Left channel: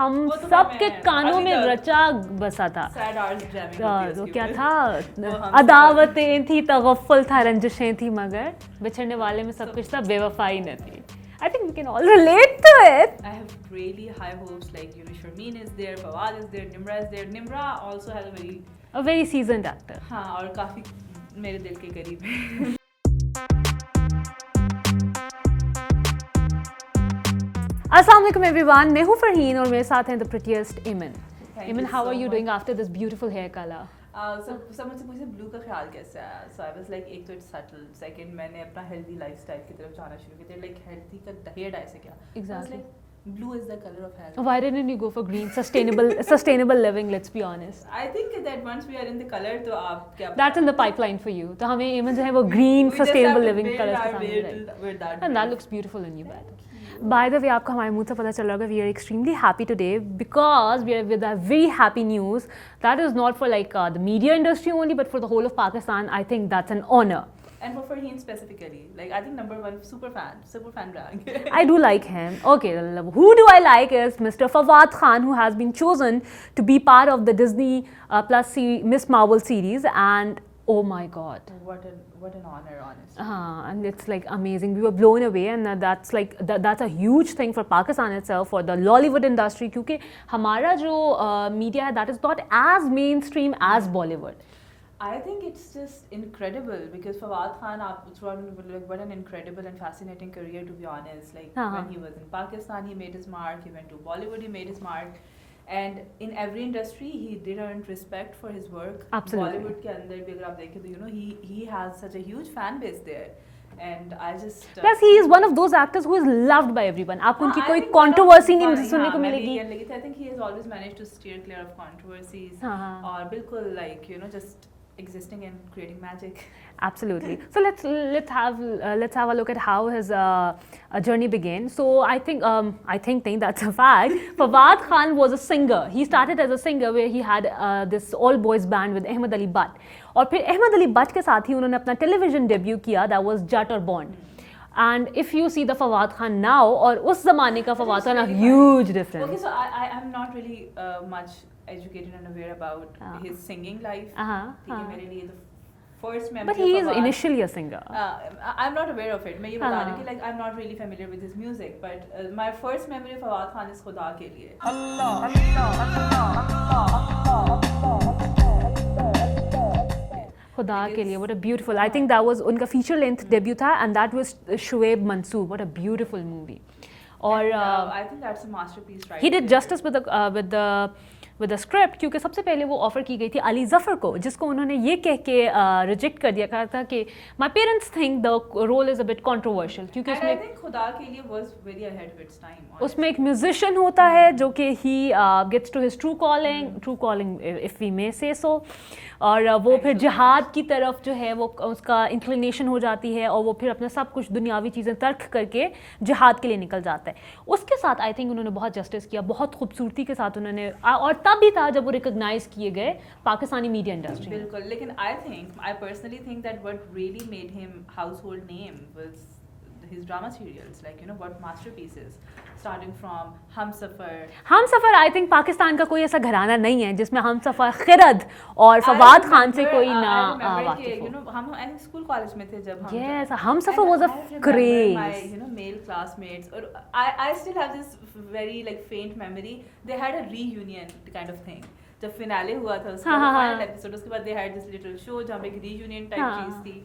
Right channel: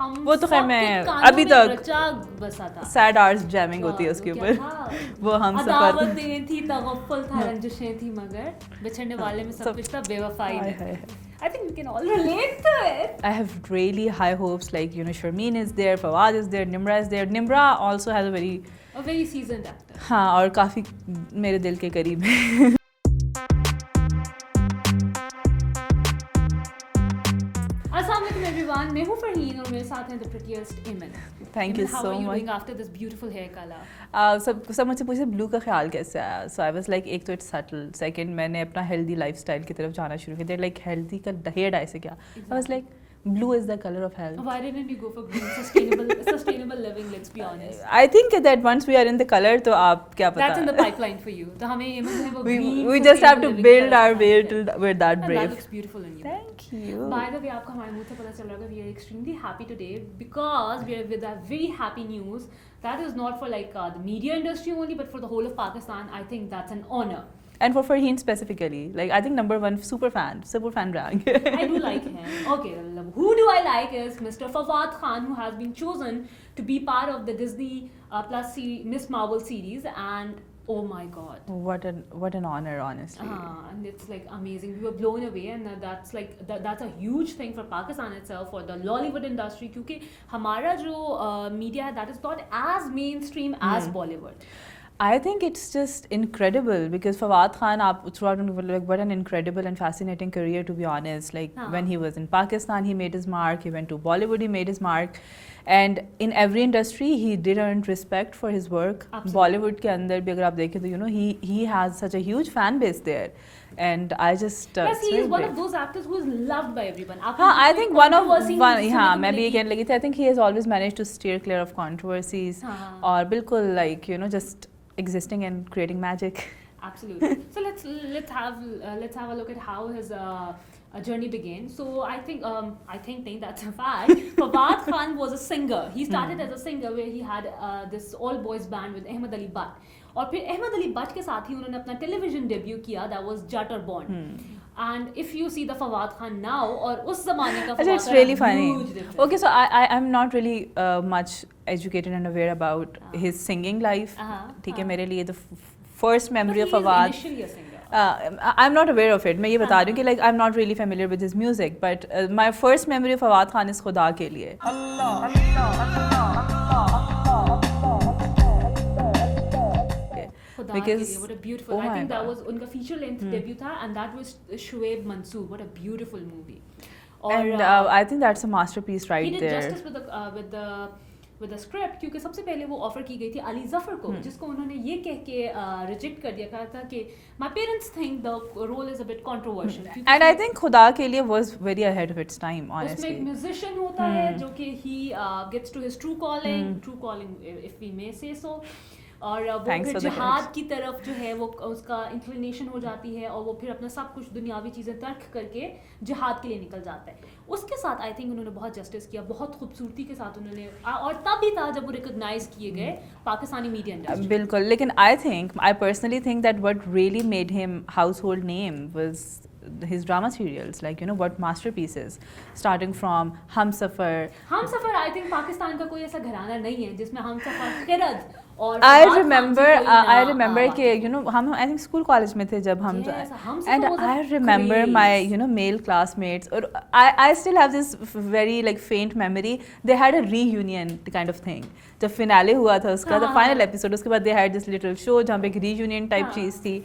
हम वो तो सबके मैं कानों अभी में तक रचा बसा था। सैड आवर्स जैमिंग होती है उसके क्या ऊपर। था वो हम अदावतें थी, तगफ्फल था, रंजिशें थी, मगर बिछड़ने वाले में सब कुछ था बेवफाई में। I think we can all relate to it. I have really high hopes, like Sharmeen is there, Fawad is there, Nimra is there. Nimra also has a very seasoned actor. हाँ, और काफी मेरे दिल के करीब है। अस्सलाम वालेकुम एवरीवन, मैं हूँ फरहीन और मेरे साथ हैं द प्रिटीएस्ट इमन। Thank you how so are you much. doing after this beautiful hair color? सब मुझसे पूछे ब्लू का ख्याल कैसे आया। सो आई वाज लाइक, एक तो इट्स सटल, सेकंड मैंने अपना हेल्दी लाइफस्टाइल की तरफ जाना शुरू किया। लाइक हेल्दी का हेयर डाई से क्या, I was like blue is the color of health. Why didn't you go for green? Sustainable living, let's be honest. I think that once we are in the color, तो आप क्या पता। That's in the pipeline for you. तो हमें इमन जो है वो green we sustainable just have to living build our way with that and brave. that looks beautiful in you. Thank you. By the way, आपको हमारे मुंह से पता चल रहा होगा, we are extremely happy today because we are with a very happy news that is not for like the media industry only, but for the whole of Pakistan. I think that's an honor. And for Farheen specifically, like I think number one super fan rank. I do like him. Okay, who do I like is Mr. Fawad Khan, who has been chosen to be part of the Disney Plus Miss Marvel series, and oh my God, what an honor, honestly. And it's like amazing. We were blown away, and that's like that's a huge thing for Pakistan itself, for the Lollywood industry, क्योंकि हमारा जो media है that is not as mainstream as Bollywood. I think it's just incredible because Fawad Khan, like, what an incredible and fascinating career, to be honest. Like when he was in Pakistan, he made his mark. He went to Bollywood, he made his mark. And in every industry, he did earn respect for his work. Absolutely. Bollywood के अंदर भी अगर आप देखें तो he has such a huge fan base there. And I just plus he is one of those actors who is loved by everyone. आपको I कोई think controversy नहीं सुनने हाँ, को मैं भी मिलेगी। कहने लगी थी, I think he has always managed to steer clear of controversies और बिल्कुल like just existing and creating magic. Absolutely. So let's have a look at how his journey began. So I think that's a fact. Fawad Khan was a singer. He started as a singer where he had this all boys band with Ahmed Ali Butt. और फिर Ahmad Ali but के साथ ही उन्होंने अपना television debut किया, that was Jat or Born. And if you see the Fawad Khan now और उस जमाने का Fawad Khan, really huge difference. Okay, so I'm not really much educated and aware about his singing life. ठीक है, मेरे लिए the first memory of Fawad. But he is initially a singer. I'm not aware of it. मैं ये बता रही हूँ कि like I'm not really familiar with his music, but my first memory of Fawad Khan is खुदा के लिए. खुदा के लिए, what a beautiful. I think that was उनका feature length debut था, and that was Shoaib Mansoor. What a beautiful movie. And I think that's a masterpiece right there. He did justice with the script, क्योंकि सबसे पहले वो offer की गई थी अली जफर को, जिसको उन्होंने ये कह के रिजेक्ट कर दिया, कहा था कि my parents think the role is a bit controversial. And I think खुदा के लिए was very ahead of its time, honestly. उसमें एक म्यूजिशियन होता है जो कि he gets to his true calling if we may say so. और वो फिर जिहाद की तरफ जो है वो उसका इंक्लिनेशन हो जाती है, और वो फिर अपना सब कुछ दुनियावी चीज़ें तर्क करके जिहाद के लिए निकल जाता है। उसके साथ आई थिंक उन्होंने बहुत जस्टिस किया, बहुत खूबसूरती के साथ उन्होंने, और तब भी था जब वो रिकॉग्नाइज किए गए पाकिस्तानी मीडिया इंडस्ट्री। बिल्कुल, लेकिन I personally think that what really made him household name was his drama serials, like what masterpieces, starting from Humsafar. I think Pakistan का कोई ऐसा घराना नहीं है जिसमें हमसफर, खिरद और फवाद खान से कोई ना। I remember कि हम I think school college में थे जब हम Humsafar was a I remember my male classmates, or I still have this very like faint memory. They had a reunion kind of thing. जब फिनाले हुआ था उसका, the final episode, उसके बाद they had this little show जहाँ पे एक reunion type चीज़ थी.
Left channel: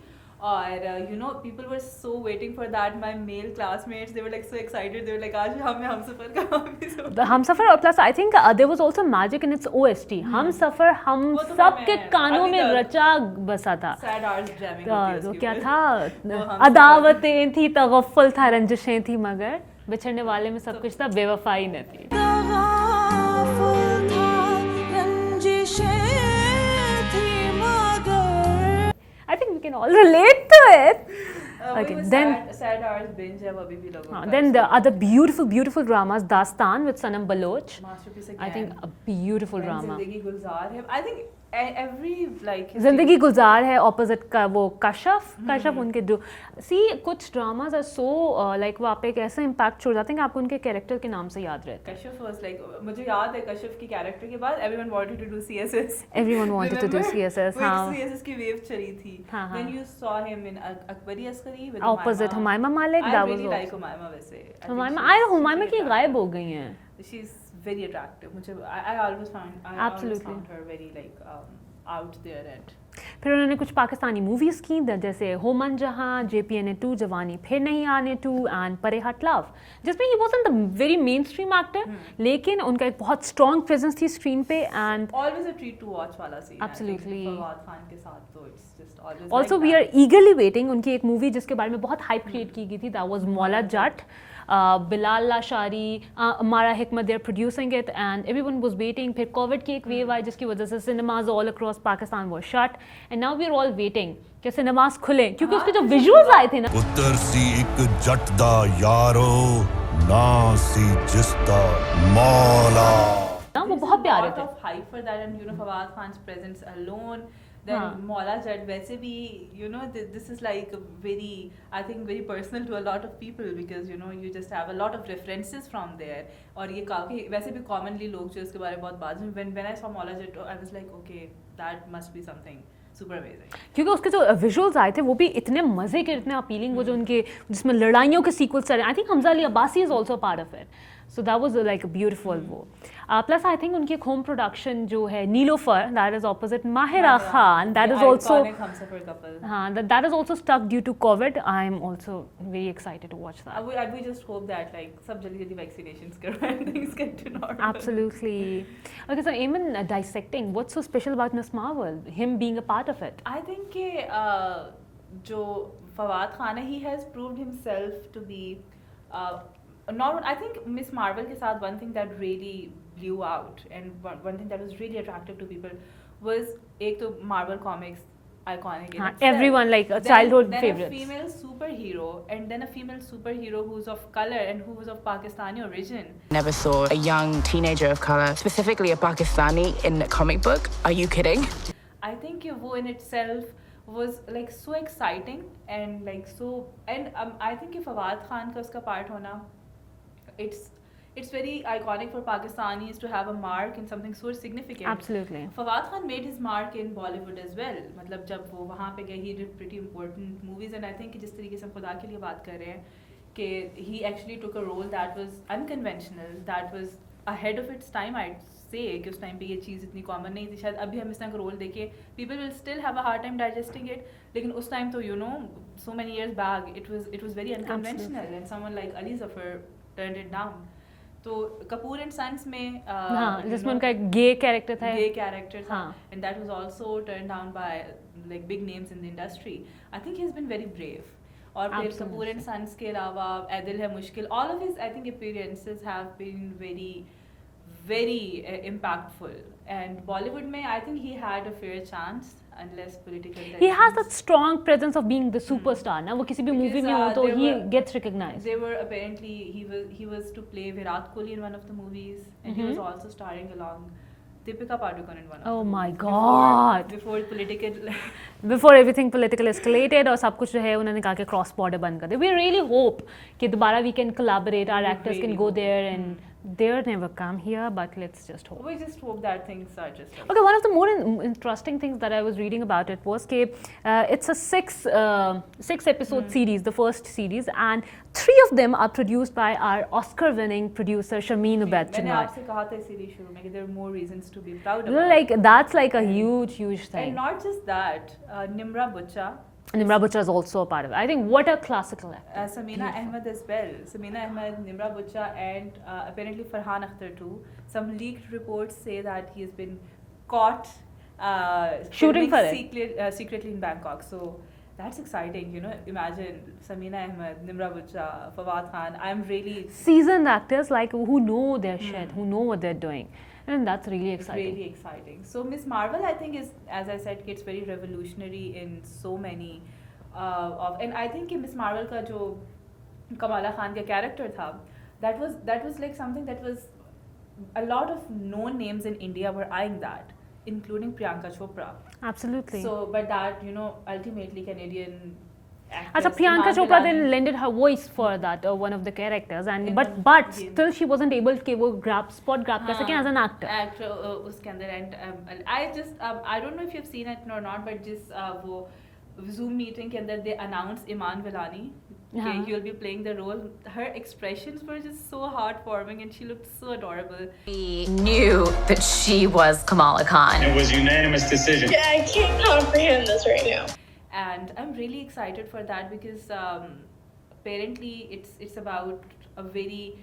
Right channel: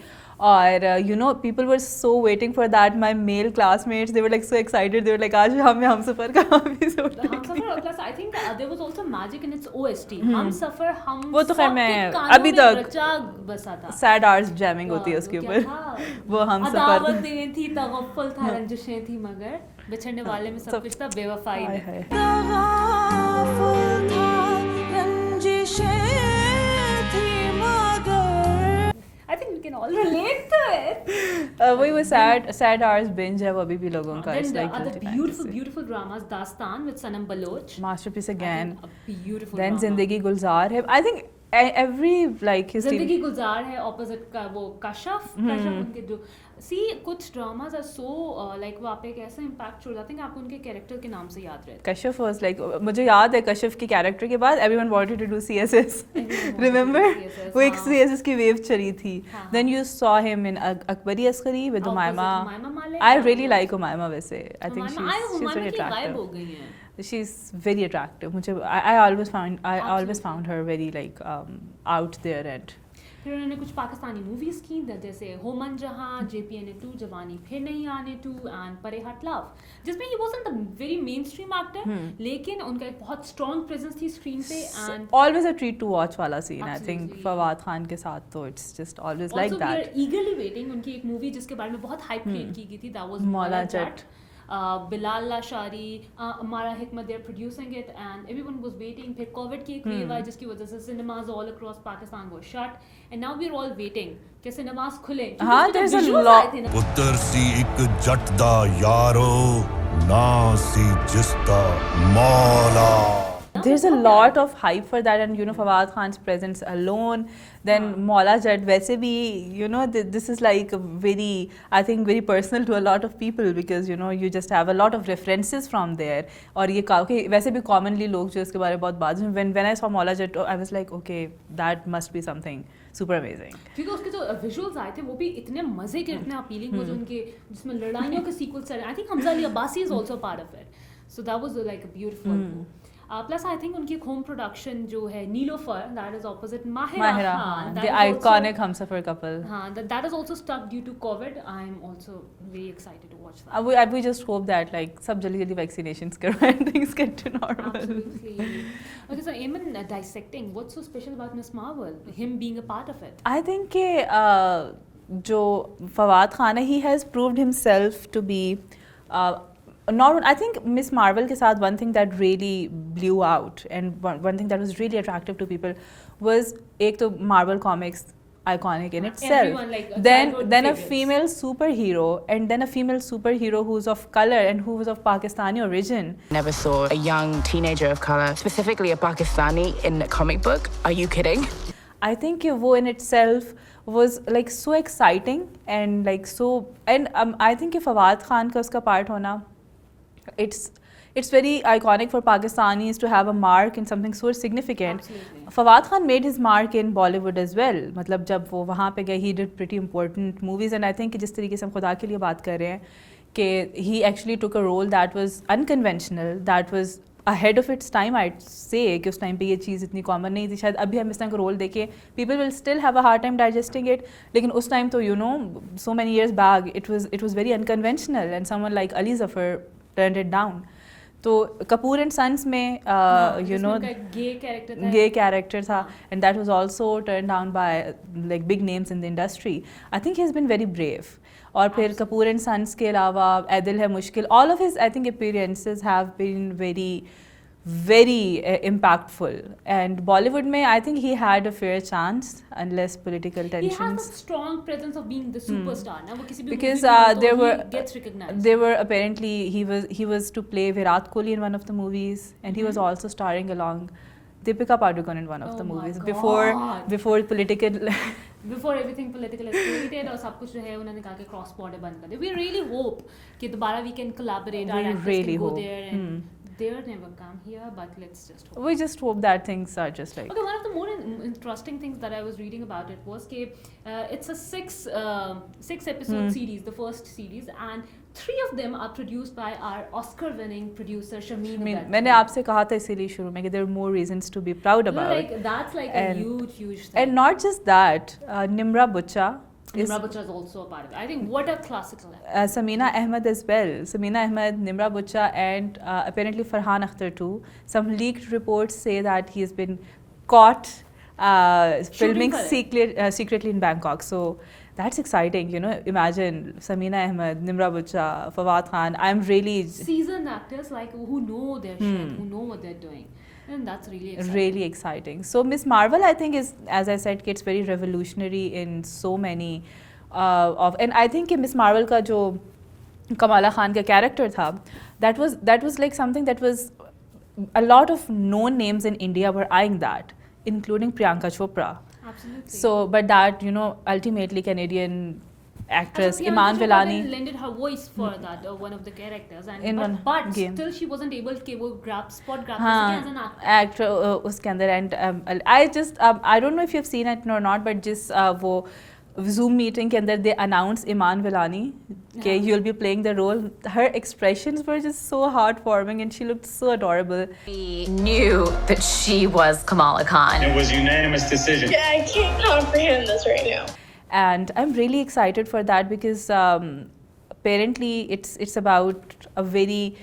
और people were so waiting for that. My male classmates, they were like so excited. They were like, आज हमें हमसफर का episode. The Humsafar, plus I think there was also magic in its OST. Humsafar हम सबके कानों में रचा बसा था. Sad hours jamming होती है उसके ऊपर. क्या था? अदावतें थी, तगफ्फल था, रंजिशें थी, मगर बिछड़ने वाले में सब कुछ था बेवफाई में. I think we can all relate to it. वही वो sad hours binge है वो अभी भी लोगों का. Then the other beautiful dramas, Dastan with Sanam Baloch. Masterpiece again. I think a beautiful drama. Then Zindagi Gulzar है. I think every like his जिंदगी गुजार है opposite का वो कशफ उनके जो see कुछ dramas are so like वहाँ पे एक ऐसा impact छोड़ जाते हैं कि आपको उनके character के नाम से याद रहता है. Kashif was like मुझे याद है कशिफ के character के बाद everyone wanted to do CSS. Everyone wanted Remember? to do CSS. वो एक CSS की wave चली थी. Then हाँ. you saw him in Akbari Askari with Opposite Humayma. Humayma Malik. I that really was like Humayma वैसे. I think Humayma she's की very गायब हो attractive. गई हैं. She's very attractive. मुझे I always Absolutely. found her very like out there and फिर उन्होंने कुछ पाकिस्तानी मूवीज की जैसे होमन जहां, JPNA 2, जवानी फिर नहीं आने 2 एंड परे हट लव, जिसमें he wasn't the very main stream actor, लेकिन उनका एक बहुत स्ट्रॉन्ग प्रेजेंस थी स्क्रीन पे and always a treat to watch वाला scene. I think Absolutely. Fawad Khan के साथ तो it's just always also like we that. Are eagerly waiting उनकी एक मूवी जिसके बारे में बहुत हाइप क्रिएट की गई थी, that was Maula Jatt. Bilal Lashari, Amara Hikmat, they are producing it and everyone was waiting. फिर कोविड की एक वेव आई जिसकी वजह से cinemas all across Pakistan was shut and now we are all waiting कि सिनेमाज खुले क्योंकि हाँ, उसके जो there's a विजुअल्स lot- आए थे ना. ਪੁੱਤਰ ਸੀ ਇੱਕ ਜੱਟ ਦਾ ਯਾਰੋ ਨਾ ਸੀ ਜਿਸ ਦਾ ਮੌਲਾ. There's a बहुत lot प्यारा of hype for that, and you know Fawad Khan's presence alone. Then Maula Jat, वैसे भी you know this is like a very, I think very personal to a lot of people because you know you just have a lot of references from there. और ये काफी वैसे भी commonly लोग जो इसके बारे में बहुत बात when I saw Maula Jat, I was like okay, that must be something super amazing. क्योंकि उसके जो विजुअल्स आए थे वो भी इतने मजे के, इतने अपीलिंग, वो जो उनके जिसमें लड़ाइयों के सीक्वेंस चल रहे हैं. I think Hamza Ali Abbasi is also part of it, so that was like a beautiful वो. प्लस आई थिंक उनकी एक होम प्रोडक्शन जो है Neelofar, that is opposite Mahira Khan, that the is also iconic Humsafar couple. हाँ, that is also stuck due to COVID. I am also very excited to watch that. We just hope that like सब जल्दी vaccinations करवाएं and things get to normal. Absolutely. Okay, so even dissecting, what's so special about Miss Marvel? Him being a part of it. I think कि जो फवाद खान है, he has proved himself to be not. I think Miss Marvel के साथ one thing that really blew out and one thing that was really attractive to people was एक तो Marvel comics iconic in itself. Everyone like a then childhood a favorites. female superhero and then a female superhero who's of color and who was of Pakistani origin. Never saw a young teenager of color, specifically a Pakistani, in a comic book. Are you kidding? I think वो in itself was like so exciting and like so, and I think कि फवाद खान का उसका part होना, it's very iconic for Pakistanis to have a mark in something so significant. Absolutely. Fawad Khan made his mark in Bollywood as well. मतलब जब वो वहाँ पे गए, he did pretty important movies, and I think कि जिस तरीके से हम खुदा के लिए बात कर रहे हैं कि he actually took a role that was unconventional, that was ahead of its time, I'd say कि उस टाइम पे ये चीज़ इतनी कॉमन नहीं थी. शायद अभी हम इस तरह का रोल देखें, people will still have a hard time digesting it, लेकिन उस टाइम तो you know so many years back it was very unconventional, and someone like Ali Zafar turned it down. तो कपूर एंड सन्स में you know उनका गे character था. gay character था, हाँ. and that was also turned down by like big names in the industry. I think he's been very brave. और फिर Kapoor and sons के अलावा ऐदिल है मुश्किल, all of his I think appearances have been very impactful, and Bollywood में I think he had a fair chance unless political tensions. He has that strong presence of being the superstar. ना वो किसी भी movie Because में हो तो there he were gets recognized. They were apparently he was to play Virat Kohli in one of the movies, and he was also starring along Deepika Padukone in one of Oh the my movies God. before political. Before everything political escalated और सब कुछ जो है उन्होंने कहा कि cross border बंद कर दे. We really hope कि दोबारा we can collaborate, our We actors really can go hope. there, and they're never come here, but let's just hope. We just hope that things are just like. Okay, one of the more interesting things that I was reading about it was that it's a six episode series, the first series, and 3 of them are produced by our Oscar-winning producer Shameen Ubaid. मैंने आपसे कहा था इसीलिए शुरू में कि there are more reasons to be proud about. Like that's like a And- huge thing. And not just that, Nimra Bucha. Nimra Butcher is also a part of it. I think what a classical. Samina Ahmed as well. Samina Ahmed, Nimra Bucha, and apparently Farhan Akhtar too. Some leaked reports say that he has been caught filming for it. secretly in Bangkok. So that's exciting, you know. Imagine Samina Ahmed, Nimra Bucha, Fawad Khan. I'm really Seasoned actors like who know their shit, who know what they're doing. And that's really exciting. really exciting. So Miss Marvel, I think, is, as I said, it's very revolutionary in so many and I think Miss Marvel का जो Kamala Khan का character था, that was like something that was a lot of known names in India were eyeing that. including Priyanka Chopra. Absolutely. So, but that, you know, ultimately Canadian actress Priyanka Iman Chopra Vellani then lended her voice for that one of the characters, and In one but game. still she wasn't able to grab कर सके as an actor. उसके अंदर and I just I don't know if you've seen it or not, but just वो Zoom meeting के अंदर they announced Iman Vellani कि you'll be playing the role. Her expressions were just so heartwarming and she looked so adorable. We knew that she was Kamala Khan. It was unanimous decision. Yeah, I can't comprehend this right now. And I'm really excited for that because apparently it's about a very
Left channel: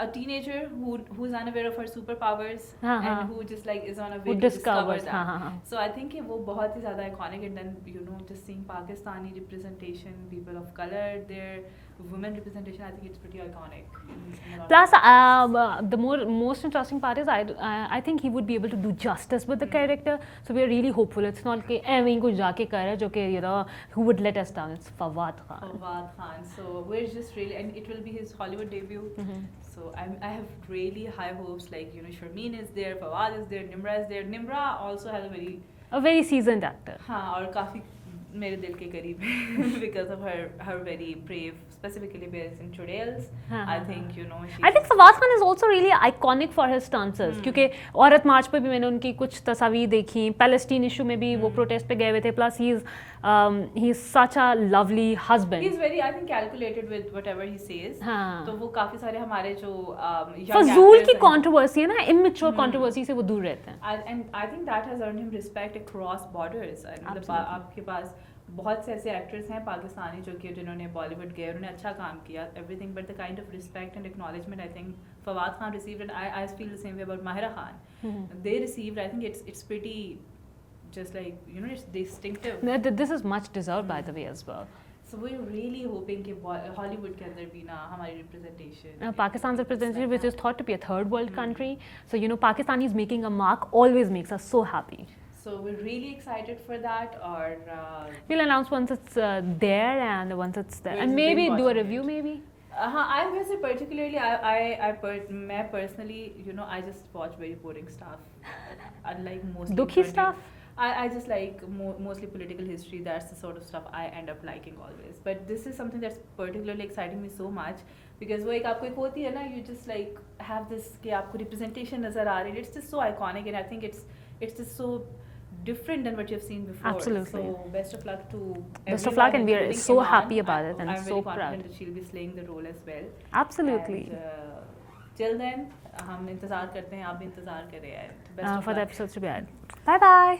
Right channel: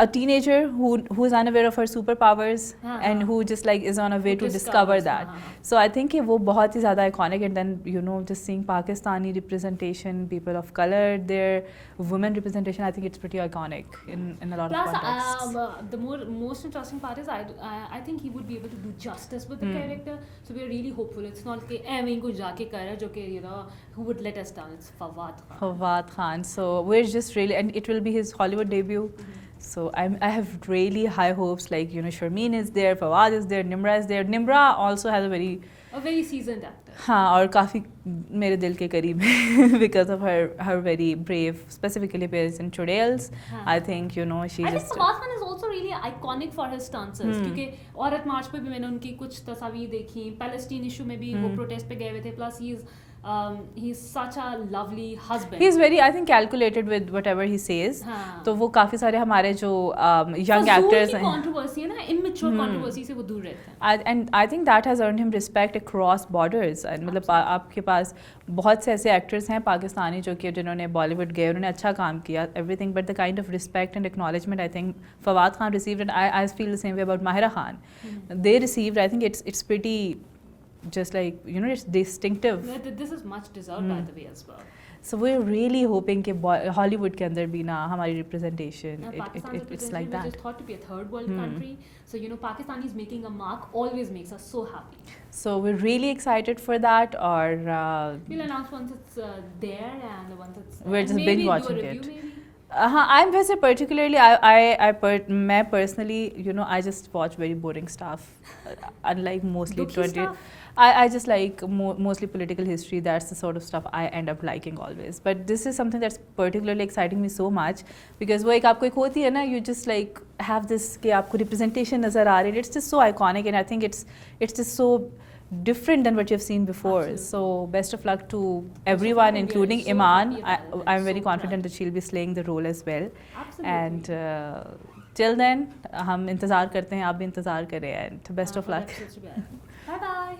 a teenager who's unaware of her superpowers and who just like is on a way to discover that. So I think वो बहुत ही ज़्यादा iconic, and then you know just seeing Pakistani representation, people of color, their women representation, I think it's pretty iconic in a lot Plus, of contexts. the most interesting part is I think he would be able to do justice with the character. So we're really hopeful. It's not कि ऐਵੇਂ ही कुछ जाके कर रहा है जो कि you know who would let us down. It's Fawad Khan. Fawad Khan. So we're just really, and it will be his Hollywood debut. So I have really high hopes. Like, you know, Sharmeen is there, Fawad is there, Nimra is there. Nimra also has a very seasoned actor. हाँ, और काफ़ी मेरे दिल के करीब है because of her very brave, specifically appears in Chudels. I think, you know, I think Fawad Khan is also really iconic for his stances. क्योंकि औरत मार्च पे भी मैंने उनकी कुछ तस्वीर देखी, पैलेस्टीन इशू में भी वो प्रोटेस्ट पे गए हुए थे. Plus he is such a lovely husband. He is very, I think, calculated with whatever he says. तो वो काफ़ी सारे हमारे जो young फजूल actors की controversy है ना, immature controversy से वो दूर रहते हैं. And I think that has earned him respect across borders. मतलब आपके पास बहुत से ऐसे एक्टर्स हैं पाकिस्तानी जो कि जिन्होंने बॉलीवुड गए, उन्होंने अच्छा काम किया, everything, but the kind of respect and acknowledgement I think Fawad Khan received, and I feel the same way about Mahira Khan. They received, I think it's pretty just like, you know, it's distinctive. This is much deserved by the way as well. So we're really hoping कि Hollywood के अंदर भी ना हमारी representation. Pakistan's representation, which is thought to be a third world country. So, you know, Pakistan is making a mark, always makes us so happy. So we're really excited for that. Or we'll announce once it's there, and once it's there, we're and just maybe binge do a watching review it. maybe. I'm वैसे particularly मैं personally, you know, I just watch very boring stuff, unlike mostly Dukhi stuff? I just like mostly political history. That's the sort of stuff I end up liking always. But this is something that's particularly exciting me so much because वो एक आपको एक होती है ना, you just like have this कि आपको representation नज़र आ रही है. It's just so iconic, and I think it's just so different than what you've seen before. Absolutely. So best of luck to Best of everyone, luck, and we are including so Iman. happy about it and I'm very so confident proud. that she'll be slaying the role as well. Absolutely. And till then, हम इंतज़ार करते हैं, आप भी इंतज़ार करें, and best of for the luck. episode to be out. Bye bye.